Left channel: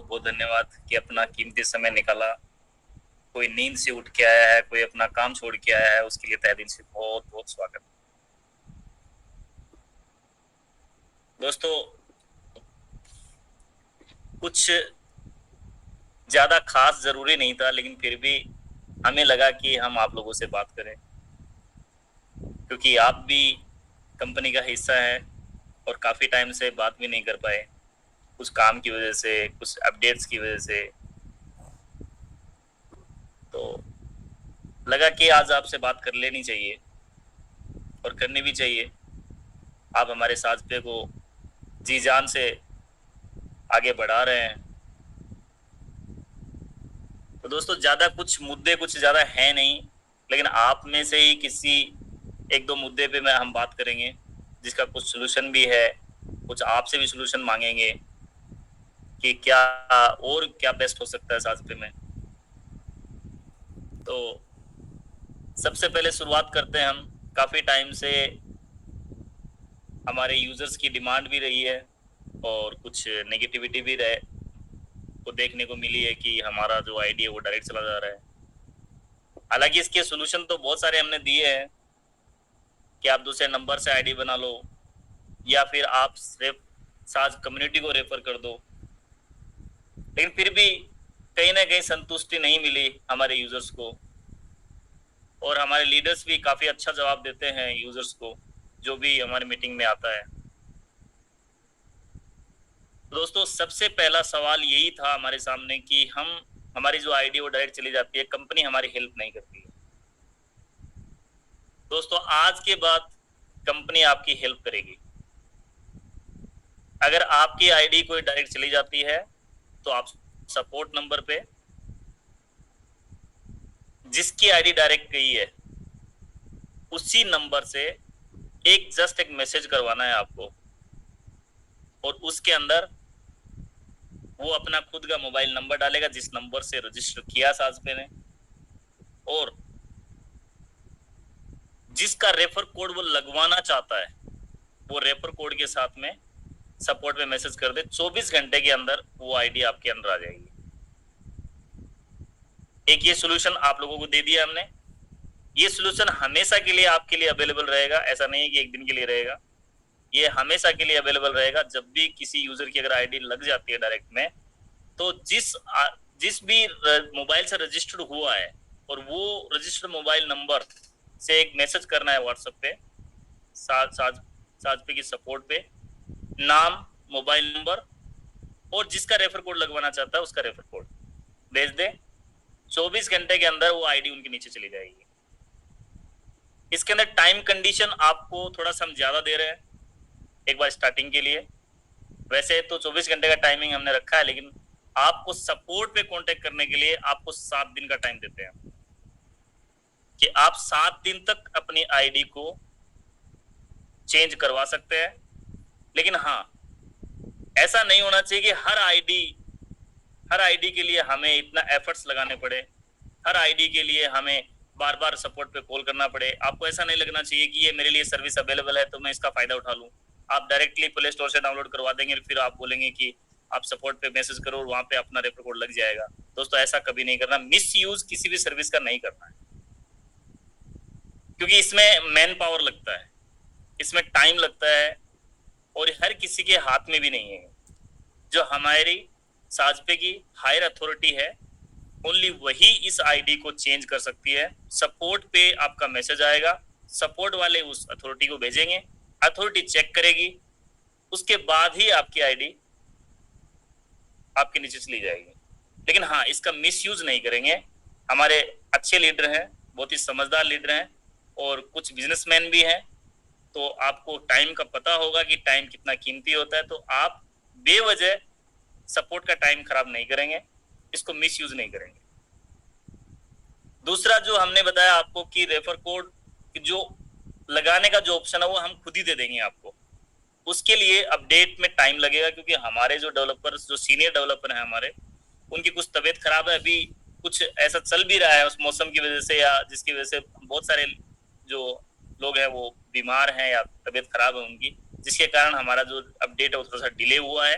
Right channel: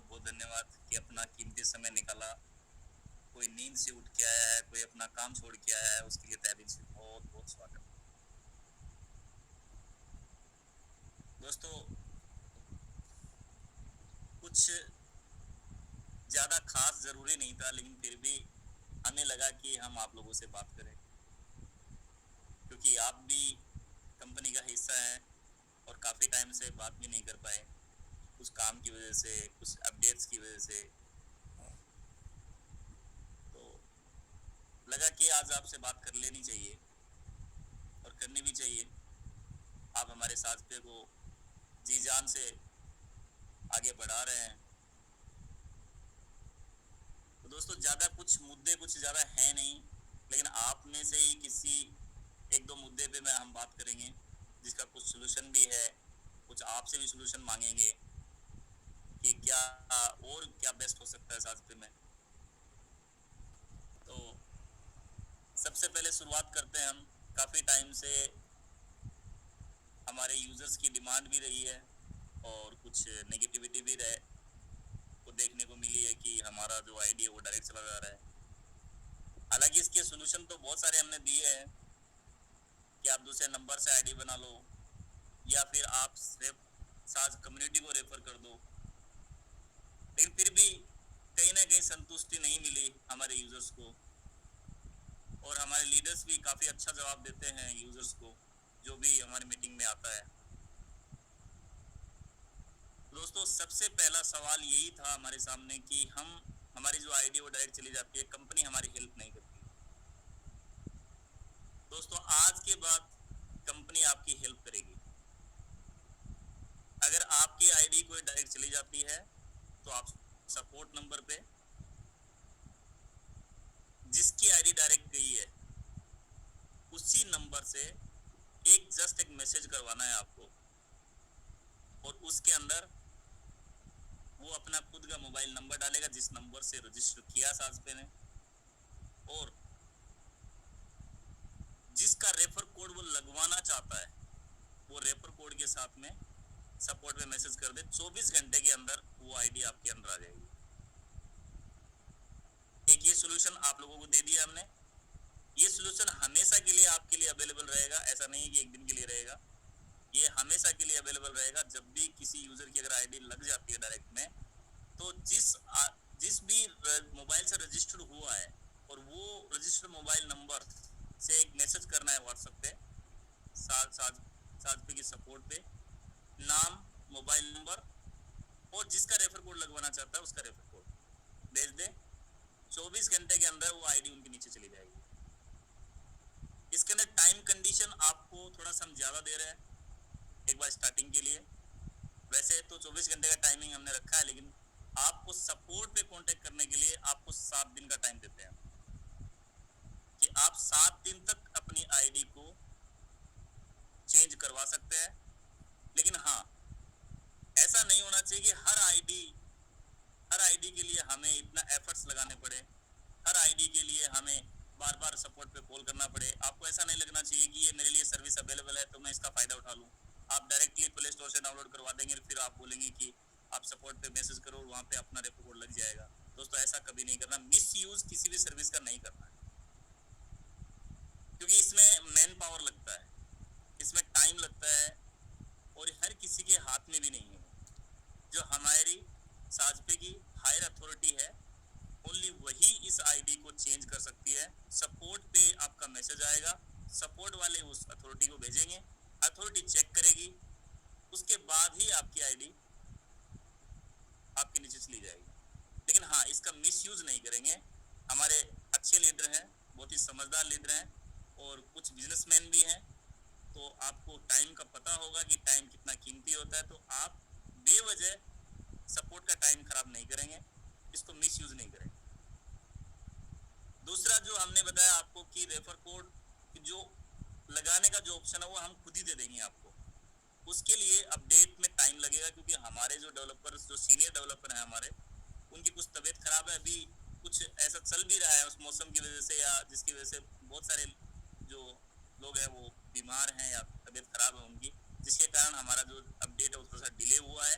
बहुत बहुत धन्यवाद कि अपना कीमती समय निकाला। कोई नींद से उठ के आया है, कोई अपना काम छोड़ के आया है, उसके लिए तहे दिल से बहुत बहुत स्वागत। दोस्तों, कुछ ज्यादा खास जरूरी नहीं था, लेकिन फिर भी हमें लगा कि हम आप लोगों से बात करें, क्योंकि आप भी कंपनी का हिस्सा है और काफी टाइम से बात भी नहीं कर पाए, कुछ काम की वजह से, कुछ अपडेट्स की वजह से। तो लगा कि आज आपसे बात कर लेनी चाहिए और करनी भी चाहिए। आप हमारे साथ पे को जी जान से आगे बढ़ा रहे हैं। तो दोस्तों, ज़्यादा कुछ मुद्दे कुछ ज़्यादा है नहीं, लेकिन आप में से ही किसी एक दो मुद्दे पे मैं हम बात करेंगे, जिसका कुछ सलूशन भी है, कुछ आपसे भी सलूशन मांगेंगे कि क्या और क्या बेस्ट हो सकता है साथ में। तो सबसे पहले शुरुआत करते हैं हम। काफ़ी टाइम से हमारे यूज़र्स की डिमांड भी रही है और कुछ नेगेटिविटी भी रहे को देखने को मिली है कि हमारा जो आईडी है वो डायरेक्ट चला जा रहा है। हालांकि इसके सॉल्यूशन तो बहुत सारे हमने दिए हैं कि आप दूसरे नंबर से आईडी बना लो, या फिर आप सिर्फ साज कम्युनिटी को रेफर कर दो, लेकिन फिर भी कहीं ना कहीं संतुष्टि नहीं मिली हमारे यूजर्स को। और हमारे लीडर्स भी काफ़ी अच्छा जवाब देते हैं यूजर्स को, जो भी हमारे मीटिंग में आता है। तो दोस्तों, सबसे पहला सवाल यही था हमारे सामने कि हमारी जो आईडी वो डायरेक्ट चली जाती है, कंपनी हमारी हेल्प नहीं करती है। दोस्तों, आज के बाद कंपनी आपकी हेल्प करेगी। अगर आपकी आईडी कोई डायरेक्ट चली जाती है तो आप सपोर्ट नंबर पे जिसकी आईडी डायरेक्ट गई है उसी नंबर से जस्ट एक मैसेज करवाना है आपको, और उसके अंदर वो अपना खुद का मोबाइल नंबर डालेगा जिस नंबर से रजिस्टर किया साजपे ने, और जिसका रेफर कोड वो लगवाना चाहता है वो रेफर कोड के साथ में सपोर्ट में मैसेज कर दे। 24 घंटे के अंदर वो आईडी आपके अंदर आ जाएगी। एक ये सोल्यूशन आप लोगों को दे दिया हमने। ये सोल्यूशन हमेशा के लिए आपके लिए अवेलेबल रहेगा, ऐसा नहीं है कि एक दिन के लिए रहेगा। ये हमेशा के लिए अवेलेबल रहेगा। जब भी किसी यूजर की अगर आईडी लग जाती है डायरेक्ट में, तो जिस भी मोबाइल से रजिस्टर्ड हुआ है और वो रजिस्टर्ड मोबाइल नंबर से एक मैसेज करना है व्हाट्सएप पे, साथ साथ साथ पे की सपोर्ट पे, नाम, मोबाइल नंबर और जिसका रेफर कोड लगवाना चाहता है उसका रेफर कोड भेज दे। 24 घंटे के अंदर वो आईडी उनके नीचे चली जाएगी। इसके अंदर टाइम कंडीशन आपको थोड़ा सा हम ज्यादा दे रहे हैं एक बार स्टार्टिंग के लिए। वैसे तो 24 घंटे का टाइमिंग हमने रखा है, लेकिन आपको सपोर्ट पे कांटेक्ट करने के लिए आपको 7 दिन का टाइम देते हैं कि आप 7 दिन तक अपनी आईडी को चेंज करवा सकते हैं। लेकिन हाँ, ऐसा नहीं होना चाहिए कि हर आईडी के लिए हमें इतना एफर्ट्स लगाने पड़े, हर आईडी के लिए हमें बार बार सपोर्ट पे कॉल करना पड़े। आपको ऐसा नहीं लगना चाहिए कि ये मेरे लिए सर्विस अवेलेबल है तो मैं इसका फायदा उठा लूँ। आप डायरेक्टली प्ले स्टोर से डाउनलोड करवा देंगे, फिर आप बोलेंगे कि आप सपोर्ट पे मैसेज करो और वहाँ पे अपना रेफर कोड लग जाएगा। दोस्तों, ऐसा कभी नहीं करना। मिस यूज किसी भी सर्विस का नहीं करना है, क्योंकि इसमें मैन पावर लगता है, इसमें टाइम लगता है, और हर किसी के हाथ में भी नहीं है। जो हमारी साजपे की हायर अथॉरिटी है, ओनली वही इस आईडी को चेंज कर सकती है। सपोर्ट पे आपका मैसेज आएगा, सपोर्ट वाले उस अथॉरिटी को भेजेंगे, अथॉरिटी चेक करेगी, उसके बाद ही आपकी आईडी आपके नीचे चली जाएगी। लेकिन हाँ, इसका मिसयूज नहीं करेंगे। हमारे अच्छे लीडर हैं, बहुत ही समझदार लीडर हैं, और कुछ बिजनेसमैन भी हैं। तो आपको टाइम का पता होगा कि टाइम कितना कीमती होता है, तो आप बेवजह सपोर्ट का टाइम खराब नहीं करेंगे, इसको मिसयूज नहीं करेंगे। दूसरा जो हमने बताया आपको कि रेफर कोड जो लगाने का जो ऑप्शन है वो हम खुद ही दे देंगे आपको। उसके लिए अपडेट में टाइम लगेगा, क्योंकि हमारे जो डेवलपर्स, जो सीनियर डेवलपर हैं हमारे, उनकी कुछ तबीयत खराब है अभी। कुछ ऐसा चल भी रहा है उस मौसम की वजह से, या जिसकी वजह से बहुत सारे जो लोग हैं वो बीमार हैं या तबीयत खराब है उनकी, जिसके कारण हमारा जो अपडेट है वो थोड़ा सा डिले हुआ है।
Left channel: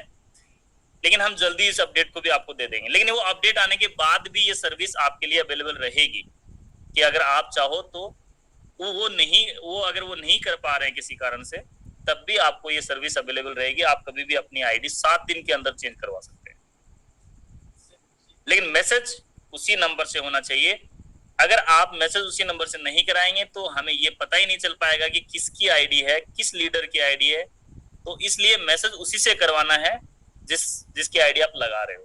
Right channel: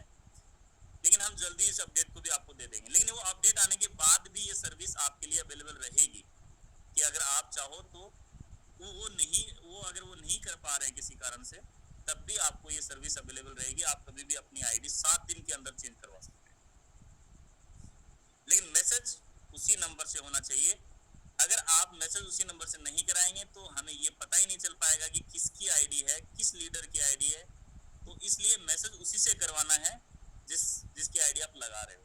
लेकिन हम जल्दी इस अपडेट को भी आपको दे देंगे। लेकिन वो अपडेट आने के बाद भी ये सर्विस आपके लिए अवेलेबल रहेगी कि अगर आप चाहो तो वो अगर वो नहीं कर पा रहे हैं किसी कारण से, तब भी आपको ये सर्विस अवेलेबल रहेगी। आप कभी भी अपनी आईडी 7 दिन के अंदर चेंज करवा सकते हैं, लेकिन मैसेज उसी नंबर से होना चाहिए। अगर आप मैसेज उसी नंबर से नहीं कराएंगे तो हमें ये पता ही नहीं चल पाएगा कि किसकी आईडी है, किस लीडर की आईडी है। तो इसलिए मैसेज उसी से करवाना है जिसकी आईडी आप लगा रहे हो।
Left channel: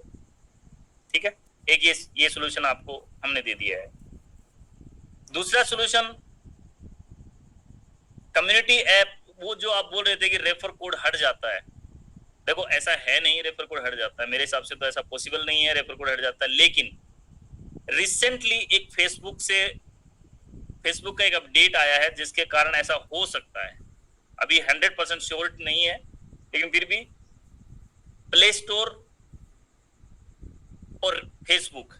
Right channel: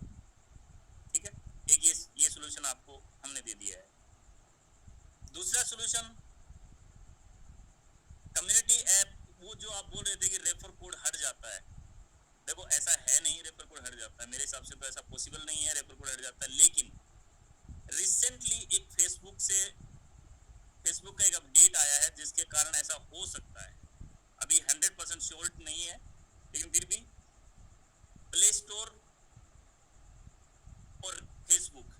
ठीक है, एक ये सॉल्यूशन आपको हमने दे दिया है। दूसरा सॉल्यूशन कम्युनिटी ऐप, वो जो आप बोल रहे थे कि रेफर कोड हट जाता है, देखो ऐसा है नहीं रेफर कोड हट जाता है। मेरे हिसाब से तो ऐसा पॉसिबल नहीं है रेफर कोड हट जाता है। लेकिन रिसेंटली एक फेसबुक का एक अपडेट आया है जिसके कारण ऐसा हो सकता है। अभी 100% श्योर नहीं है, लेकिन फिर भी प्ले स्टोर और फेसबुक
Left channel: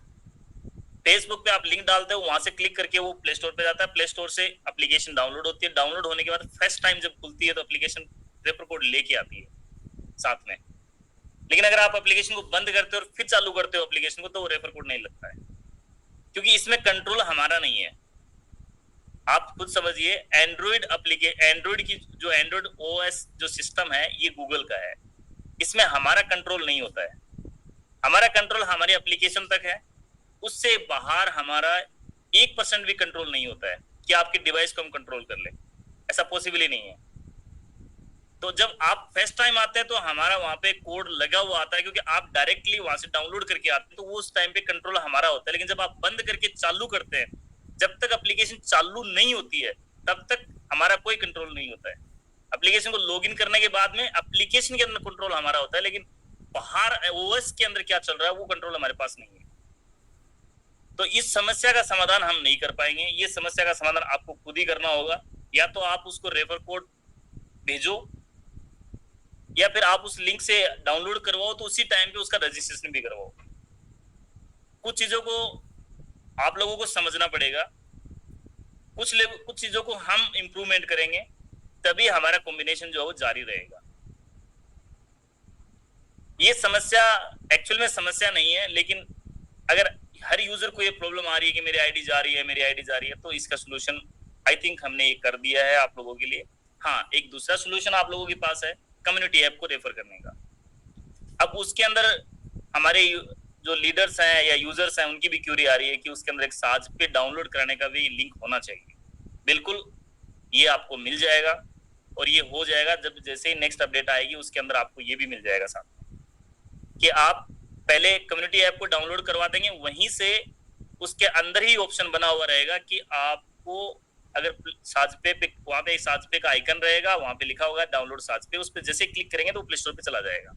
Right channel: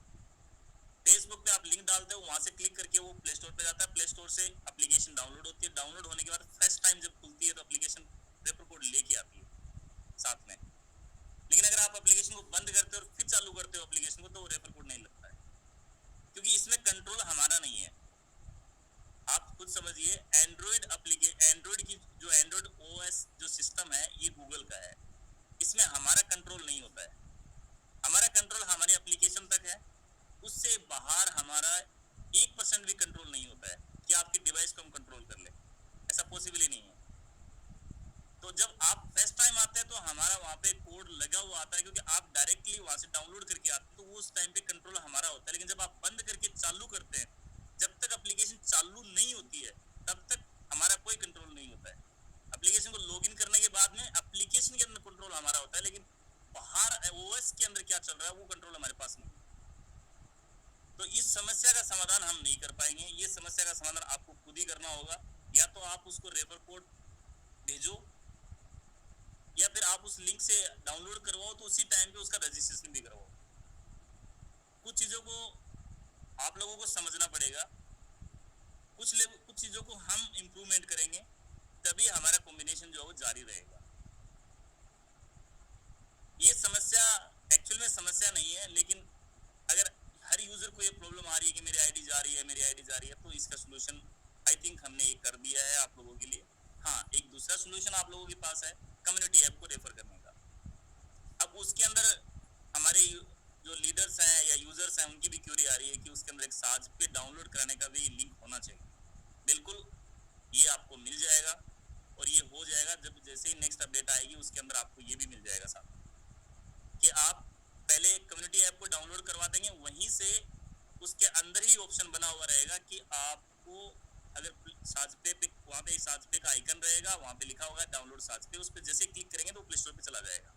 पे आप लिंक डालते हो, वहां से क्लिक करके वो प्ले स्टोर पे जाता है। प्ले स्टोर से एप्लीकेशन डाउनलोड होती है। डाउनलोड होने के बाद फर्स्ट टाइम जब खुलती है तो एप्लीकेशन रेफर कोड लेके आती है साथ में। लेकिन अगर आप एप्लीकेशन को बंद करते हो और फिर चालू करते हो एप्लीकेशन को, तो वो रेफर कोड नहीं लगता है, क्योंकि इसमें कंट्रोल हमारा नहीं है। आप खुद समझिए, एंड्रॉइड की जो एंड्रॉइड ओएस जो सिस्टम है ये गूगल का है, इसमें हमारा कंट्रोल नहीं होता है। हमारा कंट्रोल हमारी एप्लीकेशन तक है, उससे बाहर हमारा 1% भी कंट्रोल नहीं होता है कि आपके डिवाइस को हम कंट्रोल कर ले, ऐसा पॉसिबल ही नहीं है। तो जब आप फर्स्ट टाइम आते हैं तो हमारा वहां पे कोड लगा हुआ आता है, क्योंकि आप डायरेक्टली वहां से डाउनलोड करके आते हैं, तो वो उस टाइम पे कंट्रोल हमारा होता है। लेकिन जब आप बंद करके चालू करते हैं, जब तक एप्लीकेशन चालू नहीं होती है तब तक हमारा कोई कंट्रोल नहीं होता है। एप्लीकेशन को लॉगिन करने के बाद में एप्लीकेशन के अंदर कंट्रोल हमारा होता है, लेकिन बाहर ओएस के अंदर क्या चल रहा है वो कंट्रोल हमारे पास नहीं है। तो इस समस्या का समाधान हम नहीं कर पाएंगे। ये समस्या का समाधान आपको खुद ही करना होगा। या तो आप उसको रेफर कोड भेजो, या फिर आप उस लिंक से डाउनलोड करवाओ, तो उसी टाइम पे उसका रजिस्ट्रेशन भी करवाओ। कुछ चीजों को आप लोगों को समझना पड़ेगा, कुछ चीजों को हम इंप्रूवमेंट करेंगे, तभी हमारा कॉम्बिनेशन जो है वो जारी रहेगा। ये समस्या एक्चुअल में समस्या नहीं है, लेकिन अगर हर यूजर को ये प्रॉब्लम आ रही है कि मेरी आईडी जा रही है, तो इसका सोल्यूशन आई थिंक हमने ये कर दिया है आप लोगों के लिए। हाँ, एक दूसरा सोल्यूशन आप लोगों के पास है कम्युनिटी ऐप को रेफर करने का। अब उसके अंदर हमारे जो लीडर्स हैं या यूजर्स हैं उनकी भी क्यूरी आ रही है कि उसके अंदर एक साज पे डाउनलोड कराने का भी लिंक होना चाहिए। बिल्कुल, ये आपको मिल जाएगा और ये हो जाएगा जब जैसे ही नेक्स्ट अपडेट आएगी उसके अंदर आपको ये भी मिल जाएगा साथ कि आप पहले कम्युनिटी ऐप को डाउनलोड करवा देंगे, वहीं से उसके अंदर ही ऑप्शन बना हुआ रहेगा कि आपको अगर साजपे पे वहां पे साजपे का आइकन रहेगा, वहां पे लिखा होगा डाउनलोड साजपे, उस पर जैसे क्लिक करेंगे तो प्ले स्टोर पे चला जाएगा।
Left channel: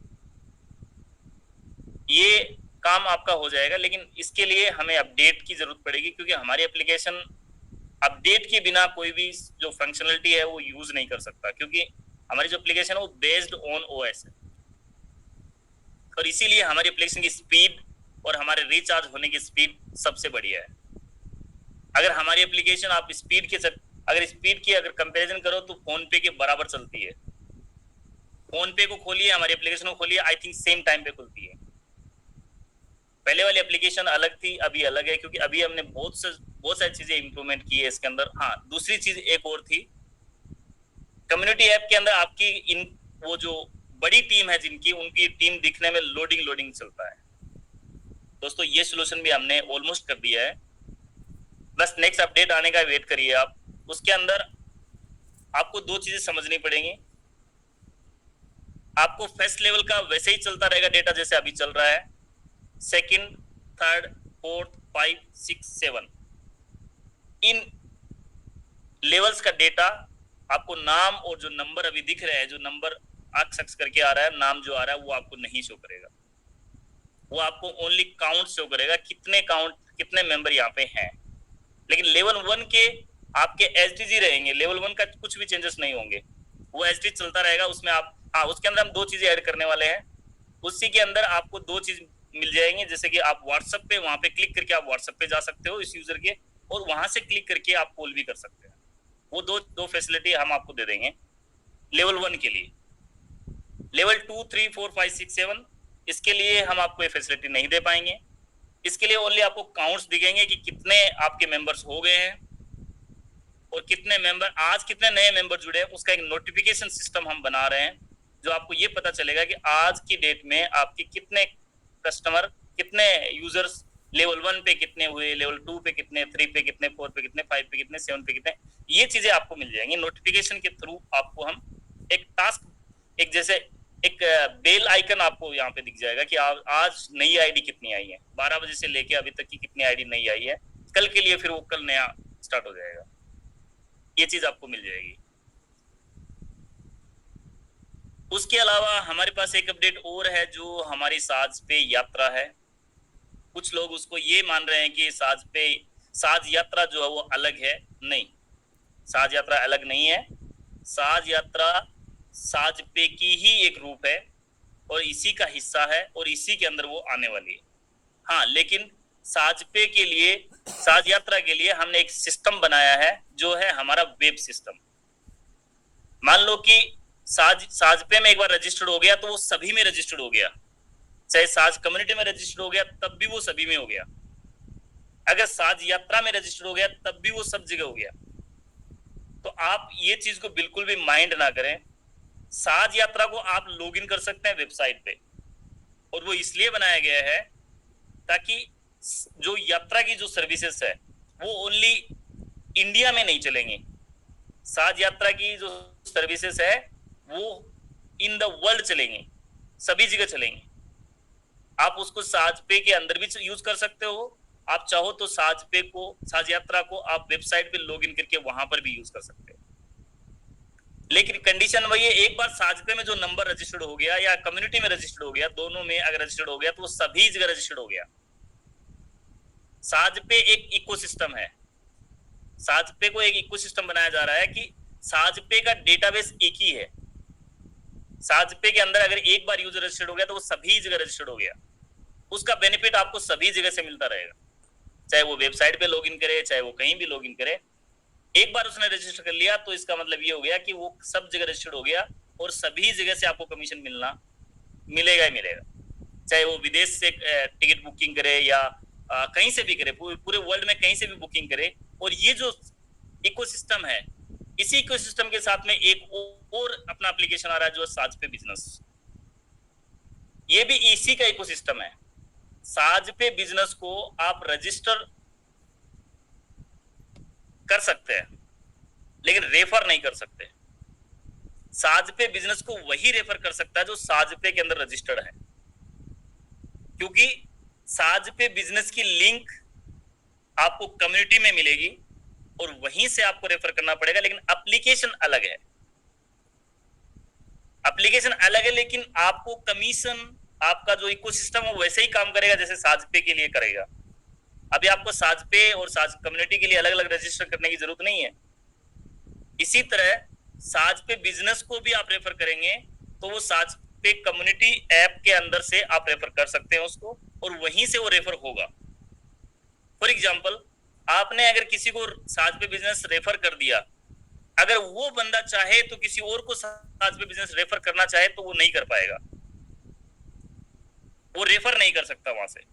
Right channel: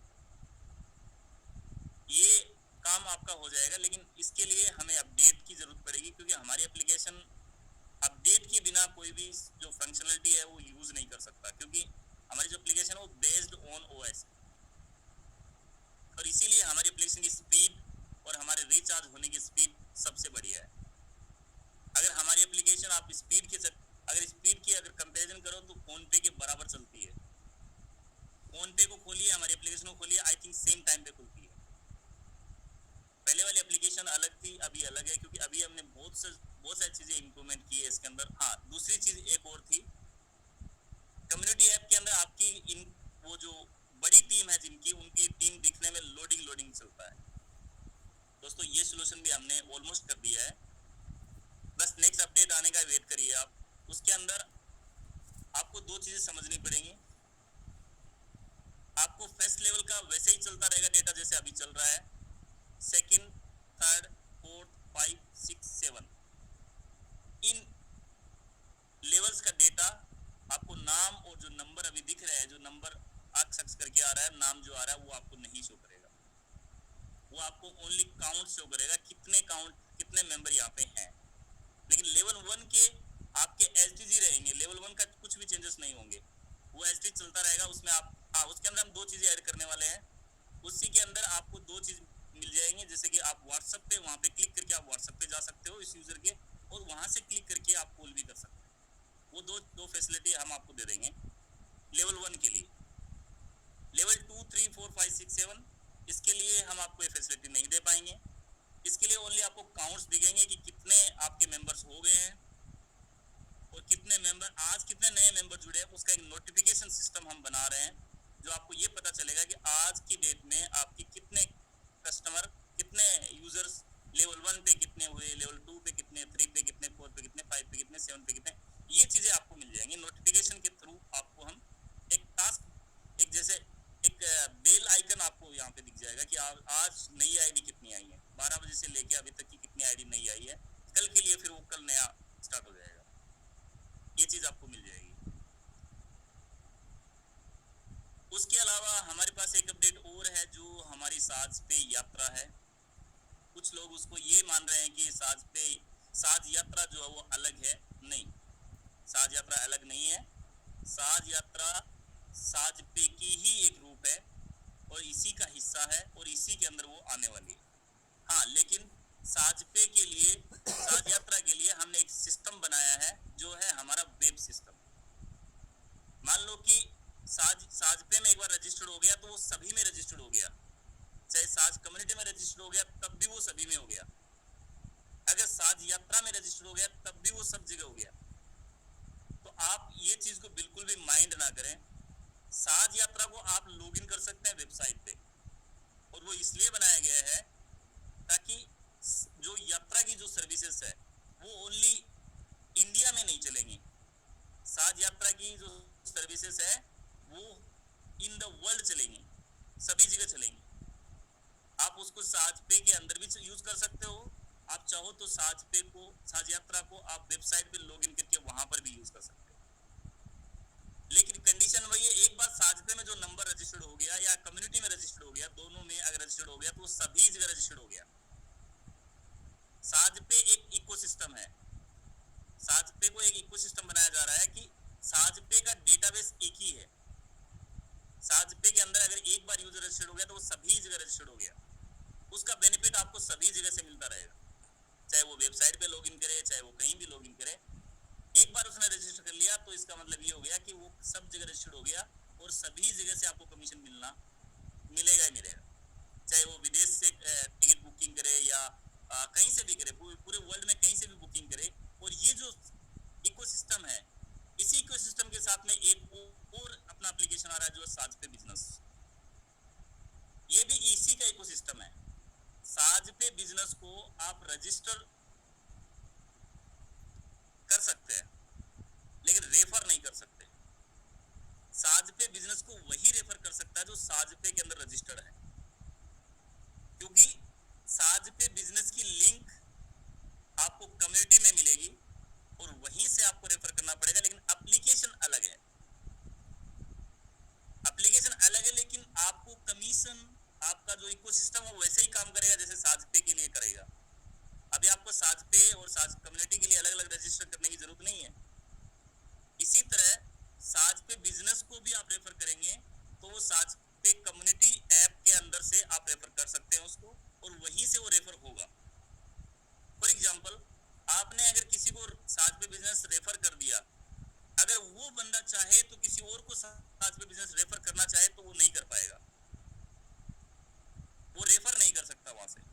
ये काम आपका हो जाएगा, लेकिन इसके लिए हमें अपडेट की जरूरत पड़ेगी, क्योंकि हमारी एप्लीकेशन अपडेट के बिना कोई भी जो फंक्शनलिटी है वो यूज नहीं कर सकता, क्योंकि हमारी जो एप्लीकेशन है वो बेस्ड ऑन ओएस है। और इसीलिए हमारी एप्लीकेशन की स्पीड और हमारे रिचार्ज होने की स्पीड सबसे बढ़िया है। अगर हमारी एप्लीकेशन आप स्पीड की अगर कंपैरिजन करो तो फोन पे के बराबर चलती है। फोन पे को खोलिए, हमारी एप्लीकेशन को खोलिए, आई थिंक सेम टाइम पे खुलती है। पहले वाली एप्लीकेशन अलग थी, अभी अलग है, क्योंकि अभी हमने बहुत सारी चीजें इंप्रूवमेंट की है इसके अंदर। हाँ, दूसरी चीज एक और थी, कम्युनिटी ऐप के अंदर आपकी वो जो बड़ी टीम है जिनकी, उनकी टीम दिखने में लोडिंग चलता है। दोस्तों, ये सोल्यूशन भी हमने ऑलमोस्ट कर दिया है, बस नेक्स्ट अपडेट आने का वेट करिए आप। उसके अंदर आपको 2 चीजें समझनी पड़ेंगी। आपको फर्स्ट लेवल का वैसे ही चलता रहेगा डेटा जैसे अभी चल रहा है। सेकंड, थर्ड, फोर्थ, 5, 6, 7 इन लेवल्स का डेटा आपको नाम और जो नंबर अभी दिख रहे हैं, जो नंबर सक्स करके आ रहा है, नाम जो आ रहा है वो आपको नहीं शो करेगा। वो आपको ओनली काउंट शो करेगा, कितने मेंबर यहाँ पे हैं। लेकिन लेवल 1 के आपके एसडीजी रहेंगे, लेवल 1 का कुछ भी चेंजेस नहीं होंगे, वो एसडी चलता रहेगा। उसमें आप उसके अंदर हम 2 चीजें ऐड करने वाले हैं। उसी के अंदर आपको 2 चीज मिल जाएंगी, जैसे कि आप व्हाट्सएप पे वहां पे क्लिक करके आप व्हाट्सएप पे जा सकते हो इस यूजर के, और वहां से क्लिक करके आप कॉल भी कर सकते हैं। वो दो फैसिलिटी हम आपको दे देंगे लेवल 1 के लिए। लेवल 2, 3, 4, 5, 6, 7 इसके लिए हम आपको ये फैसिलिटी नहीं दे पाएंगे। इसके लिए ओनली आपको काउंट्स दिखेंगे कि कितने आपके मेंबर्स हो गए हैं और कितने मेंबर आज कितने नए मेंबर जुड़े हैं, उसका एक नोटिफिकेशन सिस्टम हम बना रहे हैं जो आपको ये पता चलेगा कि आज की डेट में आपके कितने कस्टमर, कितने यूजर्स लेवल 1 पे कितने हुए, लेवल 2 पे कितने, 3 पे कितने, 4 पे कितने, 5 पे कितने, 7 पे कितने। ये चीजें आपको मिल जाएंगी नोटिफिकेशन के थ्रू। आपको हम एक टास्क, एक जैसे एक बेल आइकन आपको यहाँ पे दिख जाएगा कि आज नई आईडी कितनी आई है, 12 बजे से लेके अभी तक की कितनी आईडी नई आई है, कल के लिए फिर वो कल नया स्टार्ट हो जाएगा। ये चीज आपको मिल जाएगी। उसके अलावा हमारे पास एक अपडेट और है जो हमारी साज पे यात्रा है। कुछ लोग उसको ये मान रहे हैं कि साज यात्रा जो है वो अलग है। नहीं, साज यात्रा अलग नहीं है। साज यात्रा साज पे की ही एक रूप है और इसी का हिस्सा है और इसी के अंदर वो आने वाली है। हाँ, लेकिन साज पे के लिए, साज यात्रा के लिए हमने एक सिस्टम बनाया है जो है हमारा वेब सिस्टम। मान लो कि साज पे में एक बार रजिस्टर्ड हो गया तो वो सभी में रजिस्टर्ड हो गया, चाहे साज कम्युनिटी में रजिस्टर्ड हो गया तब भी वो सभी में हो गया, अगर साज यात्रा में रजिस्टर्ड हो गया तब भी वो सब जगह हो गया। तो आप ये चीज को बिल्कुल भी माइंड ना करें। साज यात्रा को आप लॉगिन कर सकते हैं वेबसाइट पे, और वो इसलिए बनाया गया है ताकि जो यात्रा की जो सर्विसेज है वो ओनली इंडिया में नहीं चलेंगी। साज यात्रा की जो सर्विसेज है वो इन द वर्ल्ड चलेंगी, सभी जगह चलेंगी। आप उसको साज पे के अंदर भी यूज कर सकते हो। आप चाहो तो साज यात्रा को आप वेबसाइट पे लॉगिन करके वहां पर भी यूज कर सकते हो। लेकिन कंडीशन वही है, एक बार साज पे में जो नंबर रजिस्टर्ड हो गया या कम्युनिटी में रजिस्टर्ड हो गया, दोनों में अगर रजिस्टर्ड हो गया तो वो सभी जगह रजिस्टर्ड हो गया। साज पे एक इकोसिस्टम है। साज पे को एक इकोसिस्टम बनाया जा रहा है कि साज पे का डेटाबेस एक ही है। साज पे के अंदर अगर एक बार यूजर रजिस्टर्ड हो गया तो वो सभी जगह रजिस्टर्ड हो गया। उसका बेनिफिट आपको सभी जगह से मिलता रहेगा, चाहे वो वेबसाइट पे लॉगिन करे, चाहे वो कहीं भी लॉगिन करे। एक बार उसने रजिस्टर कर लिया तो इसका मतलब ये हो गया कि वो सब जगह रजिस्टर्ड हो गया और सभी जगह से आपको कमीशन मिलेगा ही मिलेगा। चाहे वो विदेश से टिकट बुकिंग करे या कहीं से भी करे, पूरे वर्ल्ड में कहीं से भी बुकिंग करे। और ये जो इकोसिस्टम है, इसी इकोसिस्टम के साथ में एक और अपना एप्लीकेशन आ रहा है जो साज पे बिजनेस। ये भी इसी का इकोसिस्टम है। साज पे बिजनेस को आप रजिस्टर कर सकते हैं लेकिन रेफर नहीं कर सकते। साज पे बिजनेस को वही रेफर कर सकता है जो साज पे के अंदर रजिस्टर्ड है, क्योंकि साज पे बिजनेस की लिंक आपको कम्युनिटी में मिलेगी और वहीं से आपको रेफर करना पड़ेगा। लेकिन एप्लीकेशन अलग है, एप्लीकेशन अलग है, लेकिन आपको कमीशन, आपका जो इकोसिस्टम है वैसे ही काम करेगा जैसे साज पे के लिए करेगा। अभी आपको साज पे और साज कम्युनिटी के लिए अलग अलग रजिस्टर करने की जरूरत नहीं है। इसी तरह साज पे बिजनेस को भी आप रेफर करेंगे तो वो साज पे कम्युनिटी ऐप के अंदर से आप रेफर कर सकते हैं उसको, और वहीं से वो रेफर होगा। फॉर एग्जाम्पल, आपने अगर किसी को साज पे बिजनेस रेफर कर दिया, अगर वो बंदा चाहे तो किसी और को साज पे बिजनेस रेफर करना चाहे तो वो नहीं कर पाएगा, वो रेफर नहीं कर सकता। वहां से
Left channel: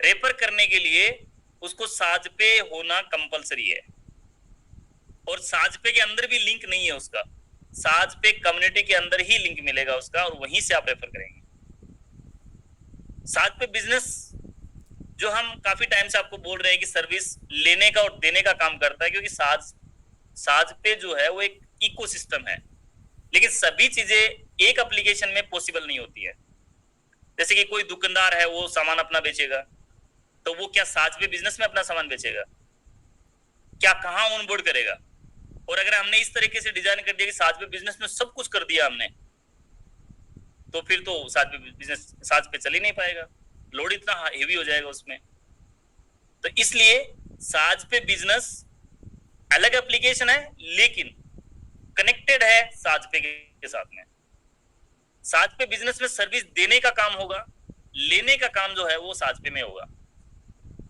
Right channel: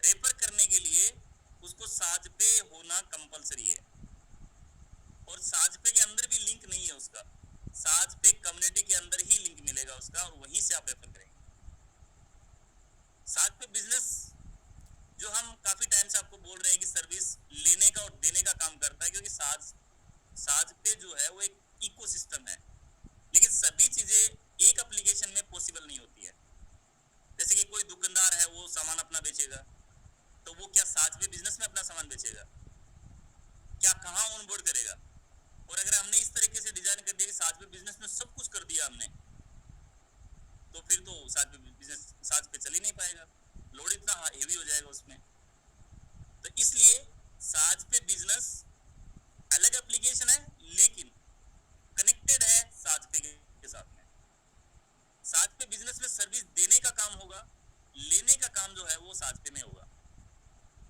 रेफर करने के लिए उसको साज पे होना कंपलसरी है, और साज पे के अंदर भी लिंक नहीं है उसका। साज पे कम्युनिटी के अंदर ही लिंक मिलेगा उसका और वहीं से आप रेफर करेंगे। साज पे बिजनेस जो हम काफी टाइम से आपको बोल रहे हैं कि सर्विस लेने का और देने का काम करता है, क्योंकि साज पे जो है वो एक इकोसिस्टम है, लेकिन सभी चीजें एक एप्लीकेशन में पॉसिबल नहीं होती है। जैसे कि कोई दुकानदार है, वो सामान अपना बेचेगा, तो वो क्या साज पे बिजनेस में अपना सामान बेचेगा? क्या कहाँ ऑनबोर्ड करेगा? और अगर हमने इस तरीके से डिजाइन कर दिया कि साज पे बिजनेस में सब कुछ कर दिया हमने, तो फिर तो साज पे बिजनेस साज पे चल ही नहीं पाएगा, लोड इतना हेवी हो जाएगा उसमें। तो इसलिए साज पे बिजनेस अलग एप्लीकेशन है लेकिन कनेक्टेड है साज पे के साथ में। साज पे बिजनेस में सर्विस देने का काम होगा, लेने का काम जो है वो साज पे में होगा।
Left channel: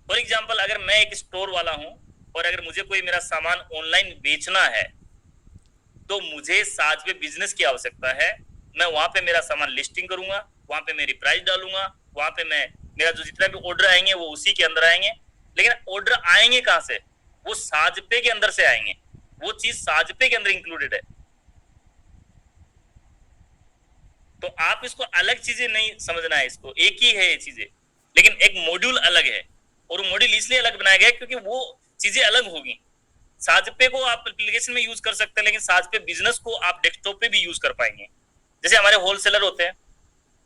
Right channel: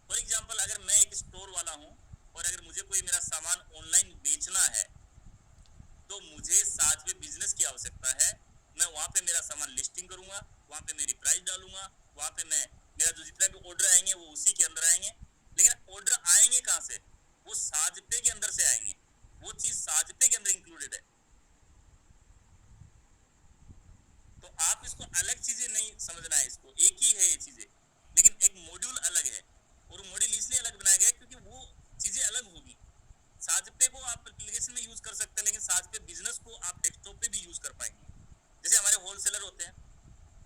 फॉर एग्जाम्पल, अगर मैं एक स्टोर वाला हूं और अगर मुझे कोई मेरा सामान ऑनलाइन बेचना है तो मुझे साज पे बिजनेस की आवश्यकता है। मैं वहां पे मेरा सामान लिस्टिंग करूंगा, वहां पे मेरी प्राइस डालूंगा, वहां पे मैं मेरा जो जितना भी ऑर्डर आएंगे वो उसी के अंदर आएंगे। लेकिन ऑर्डर आएंगे कहाँ से? वो साजपे के अंदर से आएंगे, वो चीज साजपे के अंदर इंक्लूडेड है। तो आप इसको अलग चीजें नहीं समझना है, इसको एक ही है ये चीजें, लेकिन एक मॉड्यूल अलग है। और वो मॉड्यूल इसलिए अलग बनाया गया क्योंकि वो चीजें अलग होगी। साजपे को आप एप्लीकेशन में यूज कर सकते हैं, लेकिन साजपे बिजनेस को आप डेस्कटॉप पे भी यूज कर पाएंगे। जैसे हमारे होलसेलर होते हैं,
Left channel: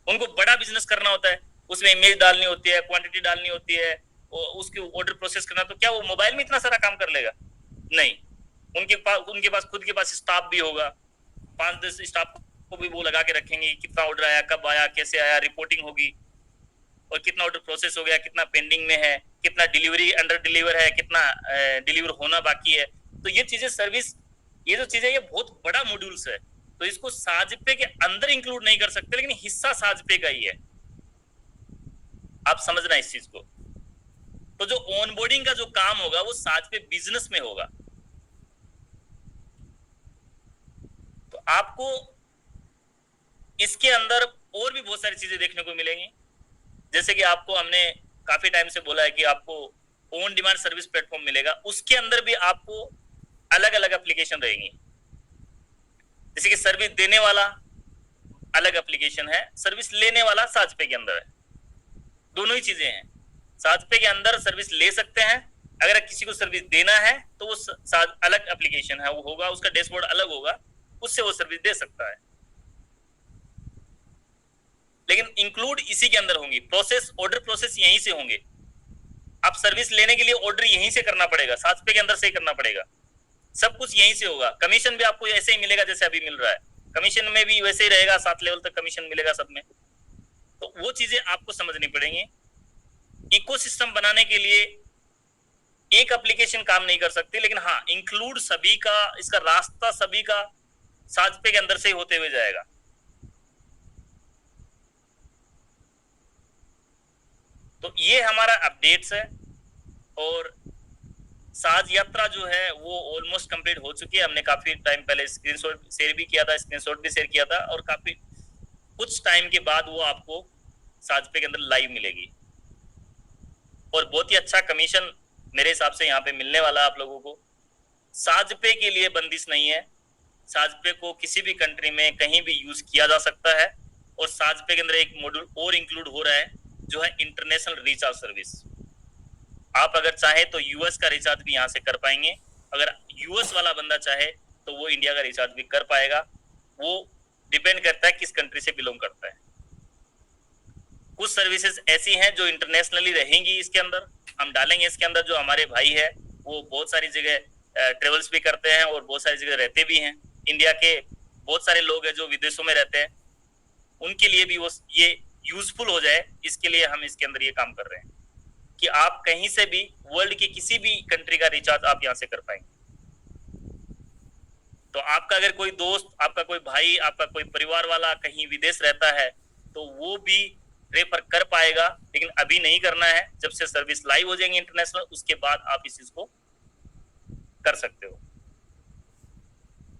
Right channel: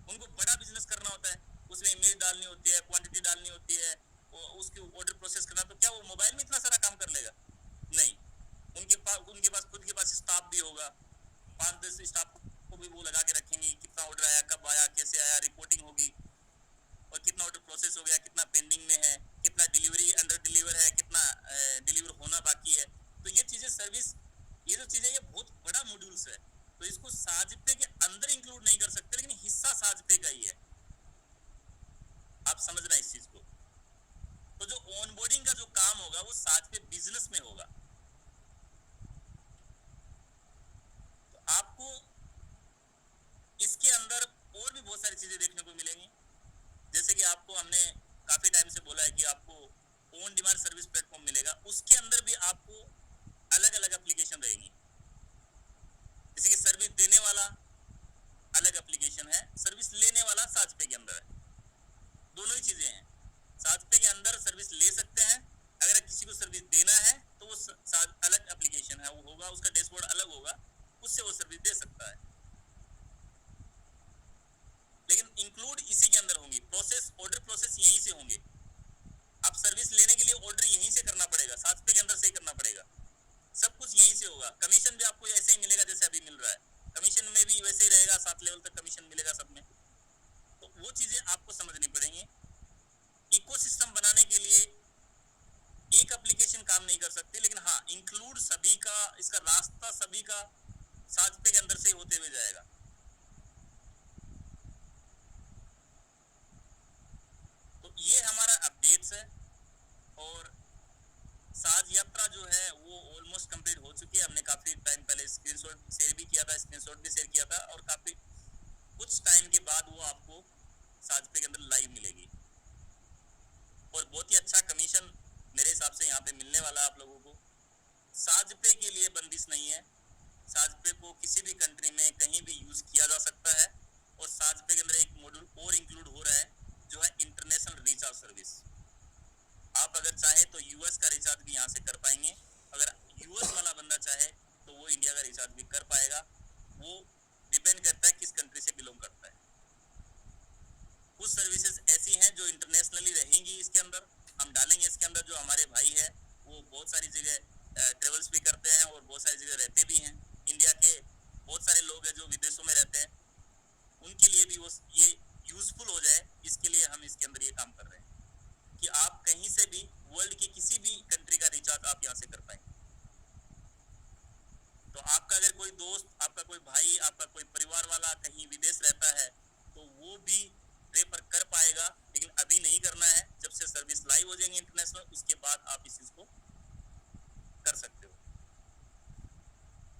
उनको बड़ा बिजनेस करना होता है, उसमें इमेज डालनी होती है, क्वांटिटी डालनी होती है, उसके ऑर्डर प्रोसेस करना, तो क्या वो मोबाइल में इतना सारा काम कर लेगा? नहीं। उनके पास खुद के पास स्टाफ भी होगा, 5-10 स्टाफ को भी वो लगा के रखेंगे, कितना ऑर्डर आया, कब आया, कैसे आया, रिपोर्टिंग होगी, और कितना ऑर्डर प्रोसेस हो गया, कितना पेंडिंग में है, कितना डिलीवरी अंडर डिलीवर है, कितना डिलीवर होना बाकी है। तो ये चीजें सर्विस, ये जो चीजें, ये बहुत बड़ा मॉड्यूल्स है। तो इसको साजपे के अंदर इंक्लूड नहीं कर सकते, लेकिन हिस्सा साजपे का ही है। आप समझना इस चीज को। तो जो ऑनबोर्डिंग का जो काम होगा वो साजपे बिजनेस में होगा। तो आपको इसके अंदर और भी बहुत सारी चीजें देखने को मिलेंगी। जैसे कि आपको हमने काफी टाइम से बोला है कि आपको ऑन डिमांड सर्विस प्लेटफॉर्म मिलेगा, उसके अंदर भी आपको अलग अलग एप्लीकेशन रहेंगी। जैसे कि सर्विस देने वाला अलग एप्लीकेशन है, सर्विस लेने वाला साजपे के अंदर है। दोनों ही चीजें हैं। साजपे के अंदर सर्विस ले सकते हैं, अगर किसी को सर्विस देना है तो वो अलग एप्लीकेशन है, वो होगा, उसका डैशबोर्ड अलग होगा, उससे वो सर्विस दे सकता है। लेकिन इंक्लूड इसी के अंदर होंगी। प्रोसेस, ऑर्डर प्रोसेस यहीं से होंगे। आप सर्विस लेने के लिए ऑर्डर यहीं से करना पड़ेगा, साजपे के अंदर से ही करना पड़ेगा, सब कुछ यहीं से होगा। कमीशन भी आपको ऐसे ही मिलेगा जैसे अभी मिल रहा है, कमीशन में भी वैसे ही रहेगा, 7 लेवल तक कमीशन मिलेगा सब में। तो वो चीजें आपको समझनी पड़ेंगी। इकोसिस्टम बनाने के लिए एक एप्लीकेशन काम नहीं कर सकती, लेकिन हाँ, इंक्लूड सभी का, इसका रास्ता सभी का साजपे के अंदर से ही होते हुए जाएगा। तो ये हमारा अपडेट्स है, और साज यात्रा जो है वो ऑलमोस्ट कंप्लीट हो चुकी है। हमने काफी टाइम पहले स्क्रीनशॉट शेयर भी किया था, स्क्रीनशॉट भी शेयर किया था, और काफी कुछ टाइम के बाद वो आपको साजपे के अंदर लाइव मिलेगी, और बहुत ही अच्छा कमीशन मेरे हिसाब से यहाँ पे मिलने वाला है आप लोगों को। साजपे के लिए बंदिश नहीं है, साजपे को किसी भी कंट्री में कहीं भी यूज किया जा सकता है। और साजपे के अंदर एक मॉड्यूल और इंक्लूड हो रहा है, जो है इंटरनेशनल रिचार्ज सर्विस। आप अगर चाहे तो यूएस का रिचार्ज भी यहाँ से कर पाएंगे, अगर यूएस वाला बंदा चाहे तो वो इंडिया का रिचार्ज भी कर पाएगा। वो डिपेंड करता है किस कंट्री से बिलोंग करता है। कुछ सर्विसेज ऐसी हैं जो इंटरनेशनली रहेंगी, इसके अंदर हम डालेंगे। इसके अंदर जो हमारे भाई है वो बहुत सारी जगह ट्रेवल्स भी करते हैं और बहुत सारी जगह रहते भी हैं। इंडिया के बहुत सारे लोग हैं जो विदेशों में रहते हैं, उनके लिए भी वो ये यूजफुल हो जाए, इसके लिए हम इसके अंदर ये काम कर रहे हैं कि आप कहीं से भी वर्ल्ड की किसी भी कंट्री का रिचार्ज आप यहाँ से कर पाएंगे। तो आपका अगर कोई दोस्त, आपका कोई भाई, आपका कोई परिवार वाला कहीं विदेश रहता है तो वो भी रेफर कर पाएगा, लेकिन अभी नहीं करना है। जब से सर्विस लाइव हो जाएंगे इंटरनेशनल, उसके बाद आप इस चीज को कर सकते हो।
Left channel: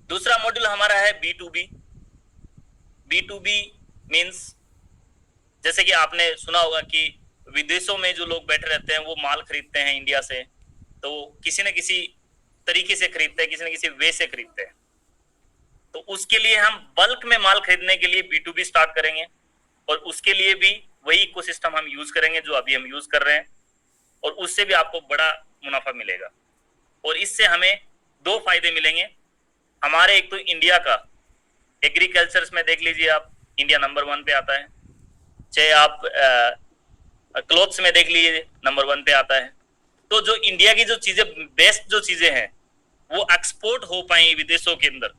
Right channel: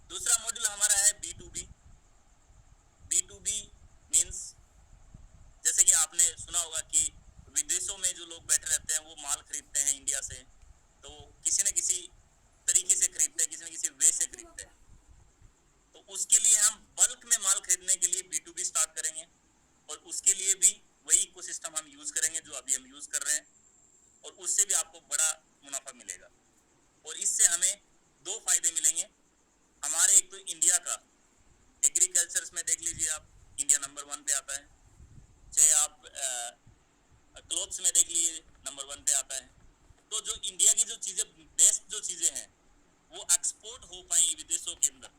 दूसरा मॉड्यूल हमारा है B2B। B2B मीन्स, जैसे कि आपने सुना होगा कि विदेशों में जो लोग बैठे रहते हैं वो माल खरीदते हैं इंडिया से, तो किसी न किसी तरीके से खरीदते हैं, किसी न किसी वे से खरीदते हैं। तो उसके लिए हम बल्क में माल खरीदने के लिए B2B स्टार्ट करेंगे, और उसके लिए भी वही इकोसिस्टम हम यूज करेंगे जो अभी हम यूज कर रहे हैं, और उससे भी आपको बड़ा मुनाफा मिलेगा। और इससे हमें 2 फायदे मिलेंगे हमारे। एक तो इंडिया का एग्रीकल्चर में देख लीजिए आप, इंडिया नंबर 1 पे आता है। चाहे आप क्लोथ्स में देख लीजिए, नंबर 1 पे आता है। तो जो इंडिया की जो चीजें, बेस्ट जो चीजें हैं, वो एक्सपोर्ट हो पाएंगी विदेशों के अंदर,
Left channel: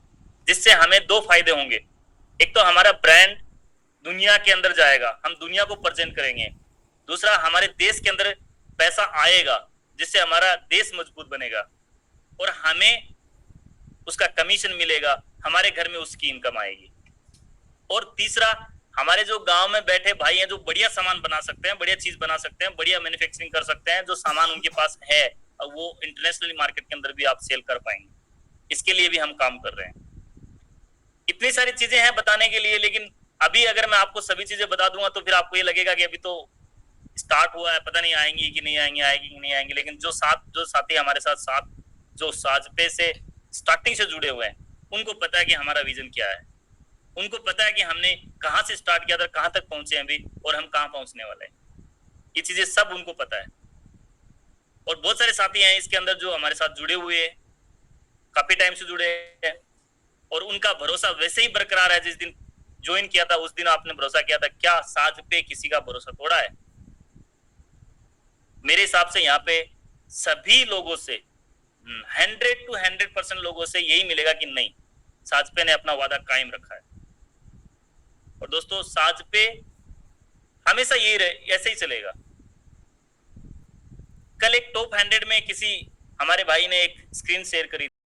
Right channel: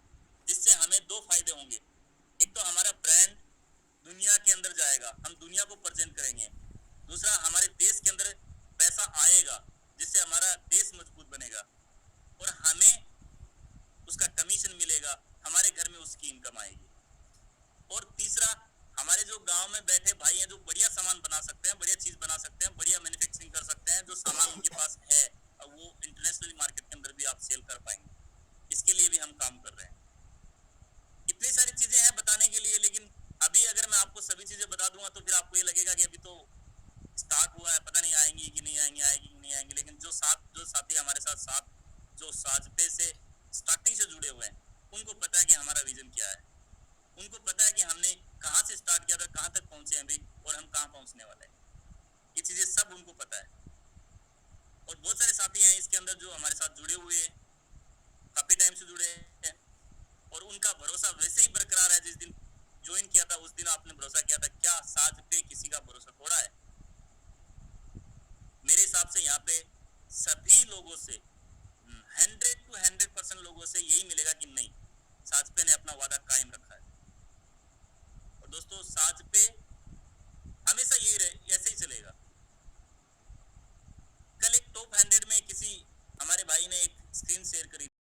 जिससे हमें 2 फायदे होंगे। एक तो हमारा ब्रांड दुनिया के अंदर जाएगा, हम दुनिया को प्रेजेंट करेंगे। दूसरा, हमारे देश के अंदर पैसा आएगा, जिससे हमारा देश मजबूत बनेगा, और हमें उसका कमीशन मिलेगा, हमारे घर में उसकी इनकम आएगी। और तीसरा, हमारे जो गांव में बैठे भाई हैं जो बढ़िया सामान बना सकते हैं, बढ़िया चीज बना सकते हैं, बढ़िया मैन्युफैक्चरिंग कर सकते हैं, जो सामान उनके पास है वो इंटरनेशनल मार्केट के अंदर भी आप सेल कर पाएंगे। इसके लिए भी हम काम कर रहे हैं। इतनी सारी चीजें हैं बताने के लिए, लेकिन अभी अगर मैं आपको सभी चीजें बता दूंगा तो फिर आपको ये लगेगा कि अभी तो स्टार्ट हुआ है, पता नहीं आएंगी कि नहीं आएंगी, आएगी कि नहीं आएंगी। लेकिन जो साथी हमारे साथ जो साजपे से स्टार्टिंग से जुड़े हुए हैं, उनको पता है कि हमारा विजन क्या है, उनको पता है कि हमने कहाँ से स्टार्ट किया था, कहाँ तक पहुंचे हैं अभी, और हम कहाँ पहुंचने वाले हैं। ये चीजें सब उनको पता है। और बहुत सारे साथी हैं इसके अंदर जो हमारे साथ जुड़े हुए हैं, काफी टाइम से जुड़े हैं, और उनका भरोसा वैसे ही बरकरार है। जिस दिन ज्वाइन किया था उस दिन आपने भरोसा किया था, क्या साज पे किसी का भरोसा तोड़ा है? मेरे हिसाब से यहाँ पे सभी लोगों से 100% लोगों से यही मिलेगा कि नहीं, साजपे ने अपना वादा कायम रखा है। और दोस्तों साजपे हमेशा यही ऐसे ही चलेगा। कल एक टॉप 100 में किसी हमारे भाई ने एक स्क्रीन शेयर करी